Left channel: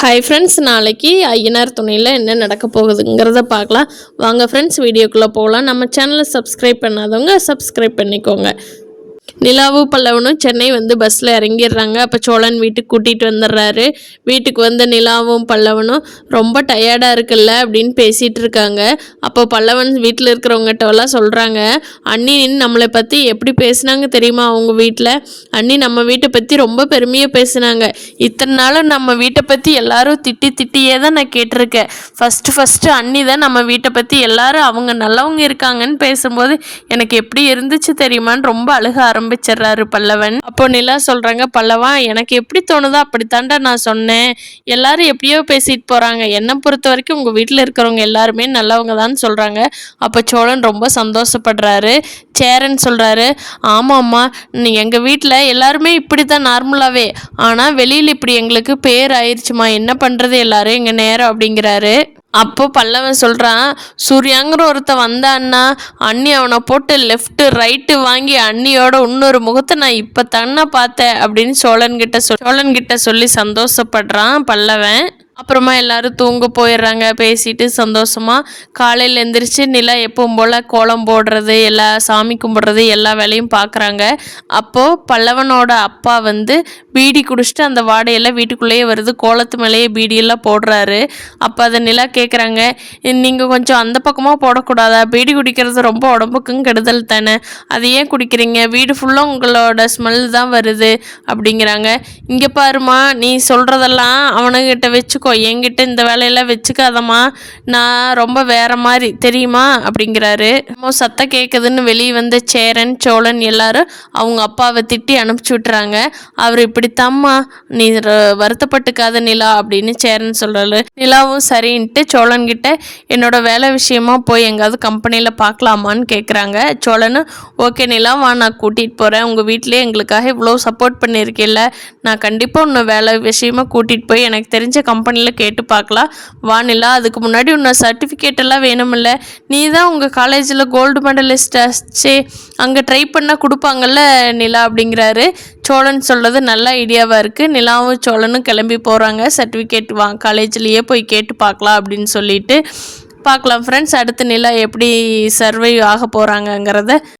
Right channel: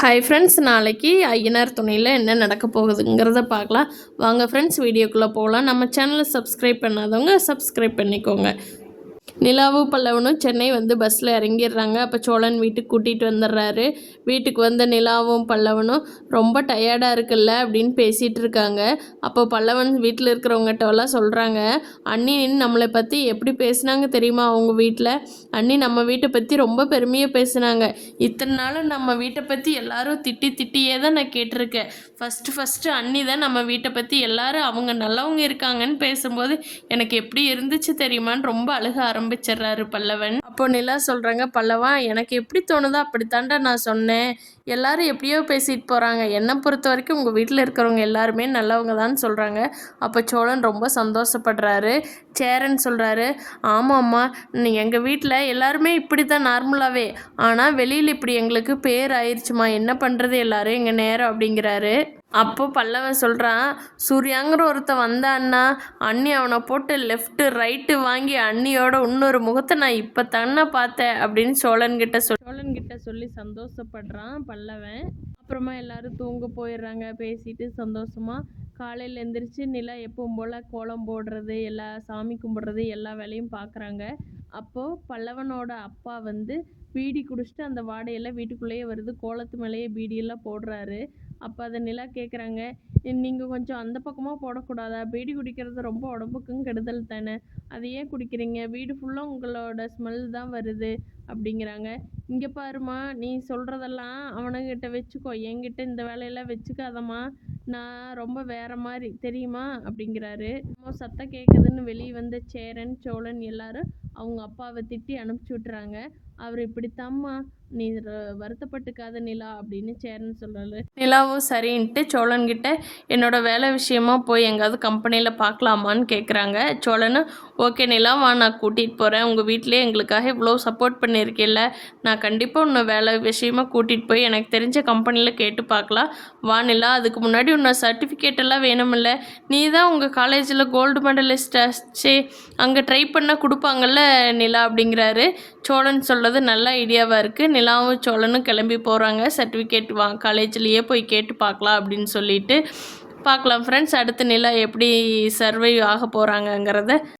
Hi friends, நாளைக்கு ஐயனார் துணையில் என்ன நடக்க போகுதுங்கிறத பார்க்கலாம். வாங்க ஃப்ரெண்ட்ஸ், வீடியோக்குள்ளே போகலாம். நம்ம சேனலை சப்ஸ்கிரைப் பண்ணாதவங்க சப்ஸ்கிரைப் பண்ணிக்கோங்க. நிலாவும் பல்லவனும் சென்னை பஸ்ஸில் இறங்கிடுறாங்க. அப்போ சோழன் வீட்டுக்கு கூட்டிகிட்டு வந்துடுறாரு. வீட்டுக்கு வந்த நிலாவும் பல்லவனும் ரொம்ப டயர்டாக இருக்குல்ல அப்படின்னு பேசிகிட்டு இருக்காங்க. அப்போ பல்லவன் வீட்டில் இருக்கிறவங்ககிட்டலாம் சொல்கிறாங்க, அண்ணி நம்மளை பற்றி எப்படி பேசுனாங்க தெரியுமா அவங்க வீட்டில்? அண்ணி நம்ம வீட்டை பற்றி ரொம்ப பெருமையாக பேசுனாங்க. இத்தனை நாளும் நம்ம வீட்டை பற்றி எல்லாரும் திட்டியே தான் நான் கேட்டிருக்கேன். ஃபஸ்ட்டு அண்ணி தான் நம்ம வீட்டை பற்றி எல்லாரும் அவங்க நல்லவங்க இருக்காங்கன்னு பேசும்போது எனக்கு எப்படி இருந்துச்சு தெரியுமான்னு ரொம்ப அழுக ஆரம்பிச்சிடுறாரு பல்லவன். அப்போ நிலா சொல்றாங்க, பல்லவா எனக்கு எப்படி தோணுதோ அப்படித்தாண்டா நான் சொன்னேன். எல்லாரும் எப்படியோ பேசிட்டு போறாங்க. என்னை பொறுத்த வரைக்கும் உங்க வீட்டில் இருக்கிறவங்க எல்லாருமே நல்லவங்க தான் சொல்றாங்க. அப்போ சோழன் ரொம்ப சந்தோஷப்படுறாரு. சேரன் சொல்றாரு, ஆமாம்மா, எங்கள் வீட்டில் எல்லாருமே இப்படி தான் நார்மலாகவே, ஆனால் வெளியில் இப்படி எங்களுக்கு பேர் ஆயிடுச்சுமா, என்ன பண்ணுறது எல்லாரும் எங்கள் நேரம் அப்படிங்கிறாரு. அப்போ பல்லவன் சொல்கிறான், சூர்யாங்கிற ஒருத்தன் வந்தான்னா அண்ணி அவனை போட்டு லெஃப்ட்டு ரைட்டு வாங்கி அண்ணியோட இன்னொரு முகத்தை நான் இப்போ தானே பார்த்தேன் அப்படின்னு சோழன்கிட்ட சொல்லி சந்தோஷப்படுறான் பல்லவன். அப்புறமா எல்லாரும் தூங்க போயிடுறாங்க பேசிட்டு சந்தோஷமாக. காலையில் எந்திரிச்சு நிலா எப்பவும் போல் கோலம் போடுறது, எல்லா சாமி கும்பிட்றது, எல்லா வேலையும் பார்க்குறாங்க. அப்போது பல்லவனோட அப்பா பீடி குடிச்சிட்டு அந்த வாடையெல்லாம் வீட்டுக்குள்ளேயே வருது. கோலத்து மேலேயே பீடியெல்லாம் போடுறாரு. அப்போ அதை நிலா கேட்குறாங்க, நீங்கள் கொஞ்சம் அந்த பக்கமாக போடக்கூடாதா? பீடி குடிக்கிறது ரொம்ப உடம்புக்கும் கெடுதல் தானே, அது ஏன் குடிக்கிறீங்க? வீடு ஃபுல்லாக உங்களோட ஸ்மெல் தான் வருது அப்படிங்கிறாங்க. இங்கே பாருமா, நீ சொல்கிறதெல்லாம் அவனுங்கிட்ட வச்சுக்கோ, என்கிட்ட இந்த வேலையெல்லாம் வச்சுக்காதம்மா, நான் ரொம்ப வேற மாதிரி தெரியுமா அப்படிங்கிறாரு. சத்தம் கேட்குதுன்னு வெளியே வந்த சேரன் சோழன் எல்லாரும் அவங்க அப்பாவை திட்டி அனுப்பிச்சி விட்டுறாங்க. அவர் இப்படித்தாம்மா, நீ வருத்தப்பட்டுக்காத நிலா அப்படின்னு சேரன் சொல்கிறாரு. நிலாவும் சரின்ட்டு சோழன்கிட்ட என்னோட வேலை விஷயமா போய் எங்காவது கம்பெனியில் பார்க்கலாமான்னு கேட்குறாங்க. சோழன், ஓகே நிலா, வா, நான் கூட்டிகிட்டு போகிறேன். உங்கள் வீட்டிலே எங்களுக்காக இவ்வளோ சப்போர்ட் பண்ணியிருக்கேல்ல, நான் கண்டிப்பாக உன்னை வேலை விஷயமா கூட்டிகிட்டு போய் எனக்கு தெரிஞ்ச கம்பெனியில் கேட்டு பார்க்கலாம். வானிலா, அதுக்கு முன்னாடி உன்னை சர்டிஃபிகேட் எல்லாம் வேணுமில்ல, நீ தான் உங்கள் காலேஜில் கோல்டு மெடலிஸ்ட் ஆச்சே, அங்கே ட்ரை பண்ணால் கொடுப்பாங்கல்ல நிலா அப்படிங்கிறாரு. சோழன் சொல்கிறது நல்ல ஐடியாவாக இருக்குது. நிலாவும் சோழனும் கிளம்பி போகிறாங்க. சர்டிஃபிகேட் காலேஜ்லேயே போய் கேட்டு பார்க்கலாம் அப்படின்னு சொல்லிட்டு பார்க்கலாம் ஃப்ரெண்ட்ஸ். அடுத்து நிலா எப்படி சர்வை ஆக போகிறாங்கங்கிறத